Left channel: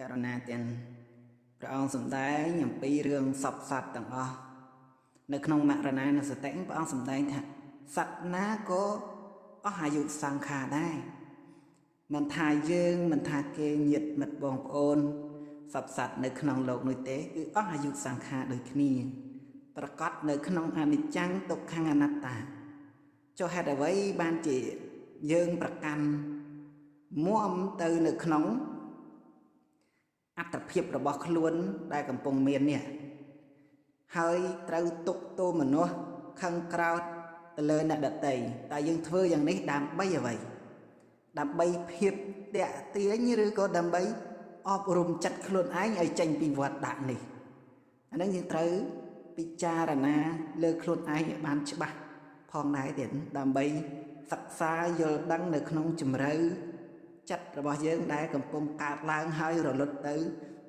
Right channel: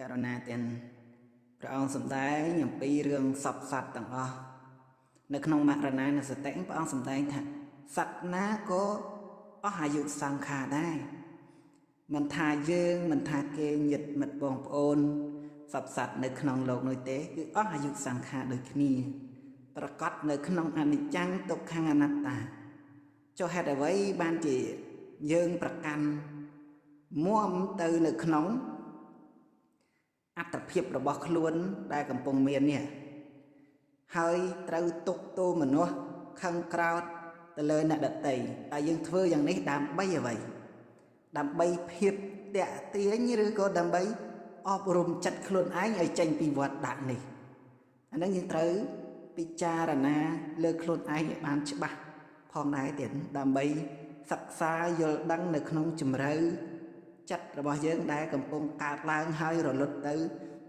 ករណីទាំងព្រះអង្គសម្ដែងអំពីរឿងសពសត្វទាំងអស់នៅក្នុងមរណានុសតិព្រះអង្គសម្ដែងថាសត្វណាក៏អស់អាយុសង្ខារដែរមិនថាយើងមិនថាគេញាតិមិត្តបងប្អូនសពសត្វនៅក្នុងโลกនេះទេគឺអស់អាយុសង្ខារដូចគ្នាប្រកបនៅក្នុងអនិច្ចំទុក្ខអនត្តាចុះហេតុអ្វីបានជាយើងប្រកាន់មុំទៅនៅក្នុងអត្តភាពរបស់ខ្លួនដែលកំពុងមាននេះហើយត្រូវទុកទោសមនុស្សខឹងក្រោធទៅលើអ្នកដទៃតែយើងធ្វើយ៉ាងនេះដើម្បីអ្វីដើម្បីភាពតាក់ទាញឬក៏ដើម្បីអប់រំចិត្តខ្លួនឯងឲ្យចេញពីវត្តដាក់នេះអានេះយើងត្រូវពិចារណាលើខ្លួនឯងឲ្យបានច្បាស់ផងដែរទៀតដើម្បីសិក្សាយល់ដឹងនៅក្នុងជំរឿចិត្តរបស់យើងដែលកំពុងកើតឡើងហើយរលត់ទៅ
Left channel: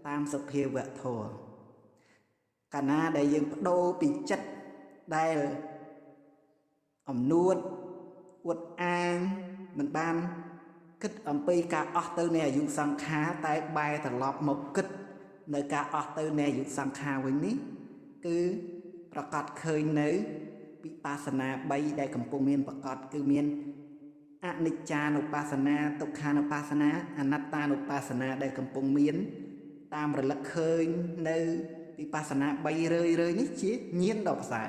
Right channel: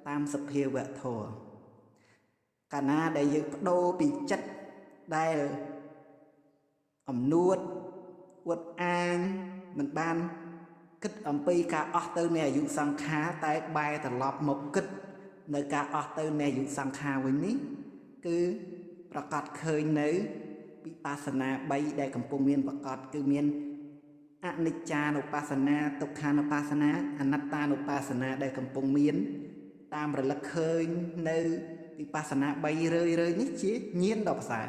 តាមសភាវៈធម៌កាលណាដែលយើងបដូរពីចិត្តដែលអំនួតអួតអាងមិនបានគិតអំពីការអស់ទៅនៃអាយុសង្ខារតែបែរត្រឡប់មកគិតនៅការអស់ទៅនៃអាយុសង្ខារវិញនេះគឺប្រកាសឃើញនៅវិបស្សនា3ដែលកំពុងមានប្រកាសគឺមានអនិច្ចានុបស្សនាទុក្ខានុបស្សនាអនត្តានុបស្សនាដែលកំពុងមានតាមរលឹកឃើញនៅវិបស្សនា3រឿយៗនេះជាញាណដ៏ប្រសើរ